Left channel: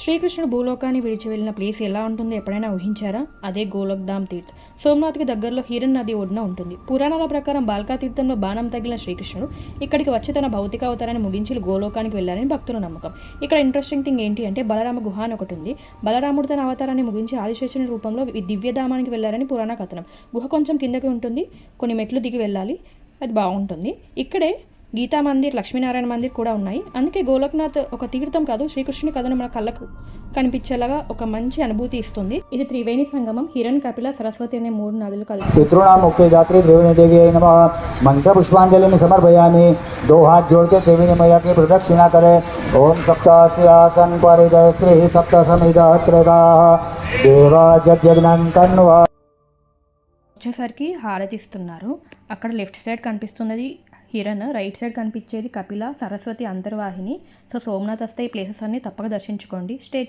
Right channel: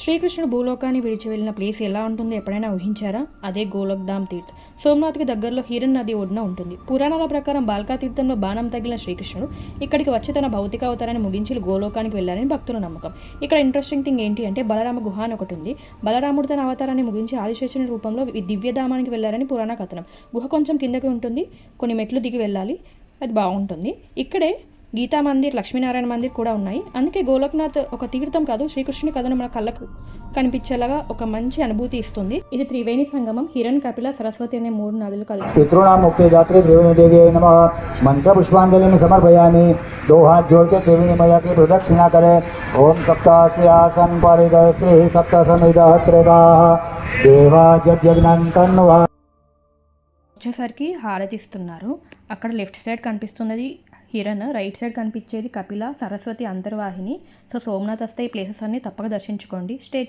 శ్రీకృష్ణుడు భూలోకాన్ని విడిచి వెళ్ళిన ప్లేస్ ఎలా ఉంటుందో ఎప్పుడైనా ఊహించారా? అదే గోలోక్ధామ్ తీర్థ్. సోమనాథ్కి దగ్గరలో హిరణ్ నది ఒడ్డున ఉంటుంది. పురాణాల ప్రకారం బాల్కా తీర్థంలో బాణం తగిలిన శ్రీకృష్ణుడు ఇక్కడికి వచ్చి తన భౌతిక అవతారాన్ని ముగించి గోలోకానికి వెళ్ళారని భక్తుల నమ్మకం. ఇక్కడ ఇంట్రెస్టింగ్ థింగ్ ఏంటి అంటే బలరామ గుహ అని ఒకటి ఉంది. బలరాముడు తన అవతారాన్ని ముగించి ఆదిశేషుని రూపంలో దివ్యధామానికి వెళ్ళారని పురాణ కథనం. గుహ కొంచెం కిందకి ఉంటుంది, కొన్ని మెట్లు దిగి వెళ్ళాలి. అది బాగుంటుంది. ఇక్కడే గీతా మందిర్, లక్ష్మీనారాయణ మందిర్ కూడా ఉన్నాయి. అందుకే గోలోక్నాథ్ ఒక తీర్థం కాదు, శ్రీకృష్ణుని కథను మన కళ్ళకు కనిపించేలాగా ఒక మంచి అనుభూతి ఇస్తుంది. ఇది త్రివేణి సంగమం. హిరణ్, కపిల, సరస్వతి అనే 3 నదులు కలిసి पुष्पांजलि समर्पयामि। दो हाथ जोड़ के त्रिवेणी मैया की प्रदक्षिणा करें। ओम सप्तास्यासं परिगणित्री सप्त समिदा क्रोधाः देवाजज्ञान्तन्वा। వచ్చేసరికి హారతిస్తున్నారు. అక్కడ లెఫ్ట్ సైడ్ కనిపిస్తున్నది హిరణ్, రైట్ సైడ్ కనిపించేది కపిల, సరస్వతి అంతర్వాహిని. సో సోమనాథ్ వస్తే ఈ ప్లేసెస్ అన్ని తప్పక దర్శించుకోండి. స్టే